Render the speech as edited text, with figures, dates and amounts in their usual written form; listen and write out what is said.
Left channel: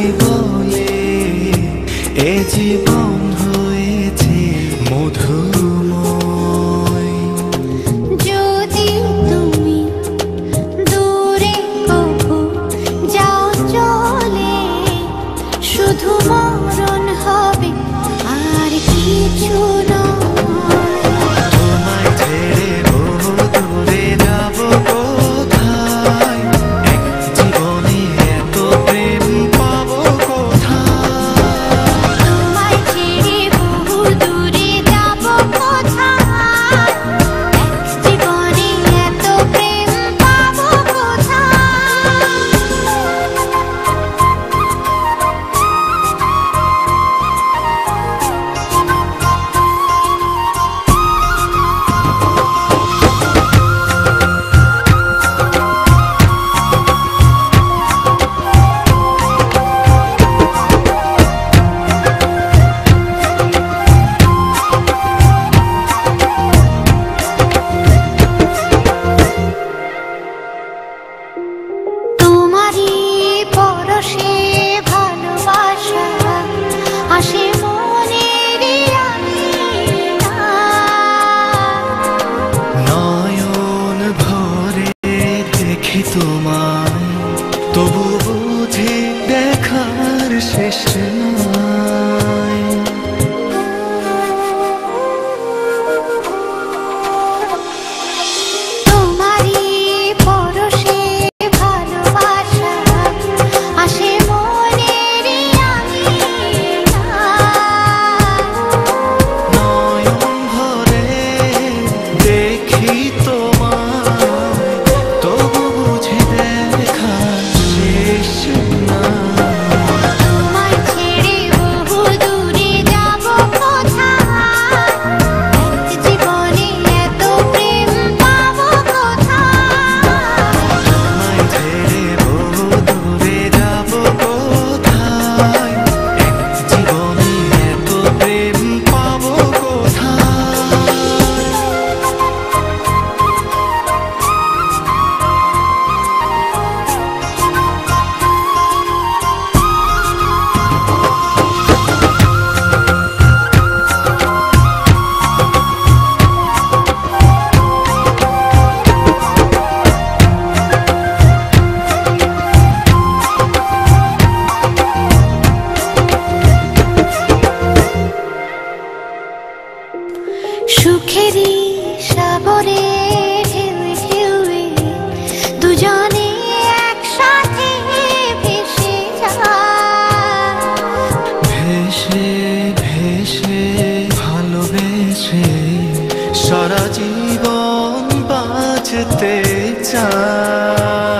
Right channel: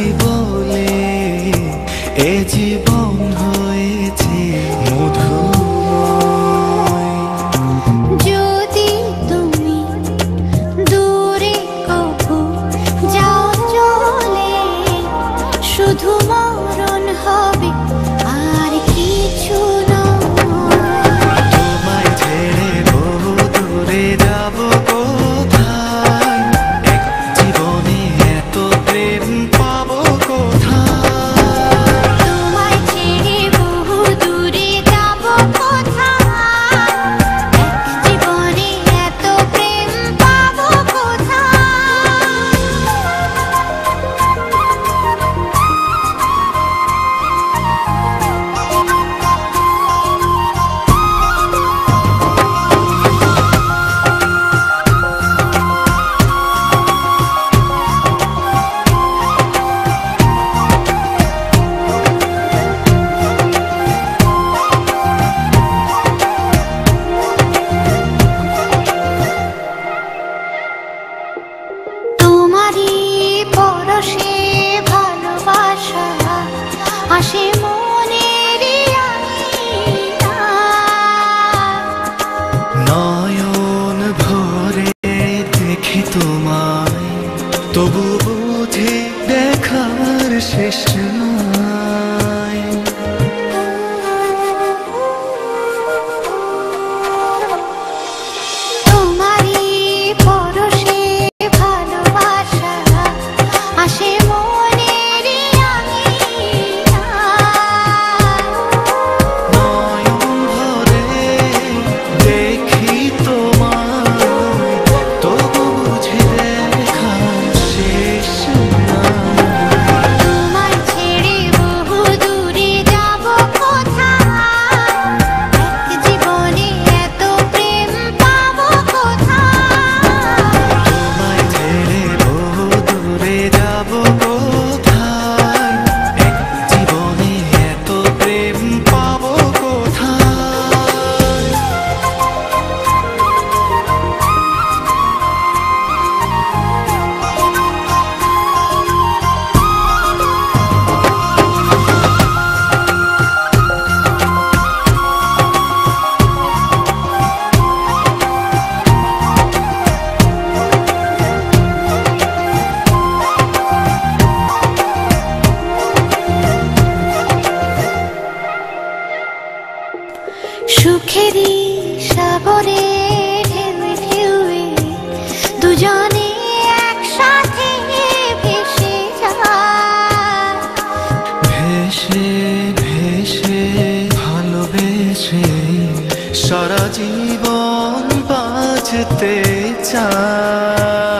বুঝি বলে এ জীবন হয়েছে মধুময়। যদি তুমি দূরে কভু যাও চলে, শুধু মরণ হবে আর কিছু নয়। তোমায় ছেড়ে বহু দূরে যাব কোথায়, এক জীবনে এত প্রেম পাবো কোথায়। তোমায় ছেড়ে বহু দূরে যাব কোথায়, এক জীবনে এত প্রেম পাবো কোথায়। তোমারই পরশে ভালোবাসা আসে মনের নয়ন ভরে দেখি তোমায়, তবু বুঝে দেখার শেষ নাই। তোমারই পরশে ভালোবাসা আসে মনের নয়ন ভরে দেখি তোমায়, তবু বুঝে দেখার শেষ নাই। তোমায় ছেড়ে বহু দূরে যাব কোথায়, এক জীবনে এত প্রেম পাবো কোথায়। তোমায় ছেড়ে বহু দূরে যাব কোথায়, এক জীবনে এত প্রেম পাবো কোথায়। সুখেরই সাগরে ঢেউয়ে ঢেউয়ে দুজনে একসাথে ভেসে যায়। ভেসে ভেসে ভালোবেসে সারা জীবন বাঁচতে চায়।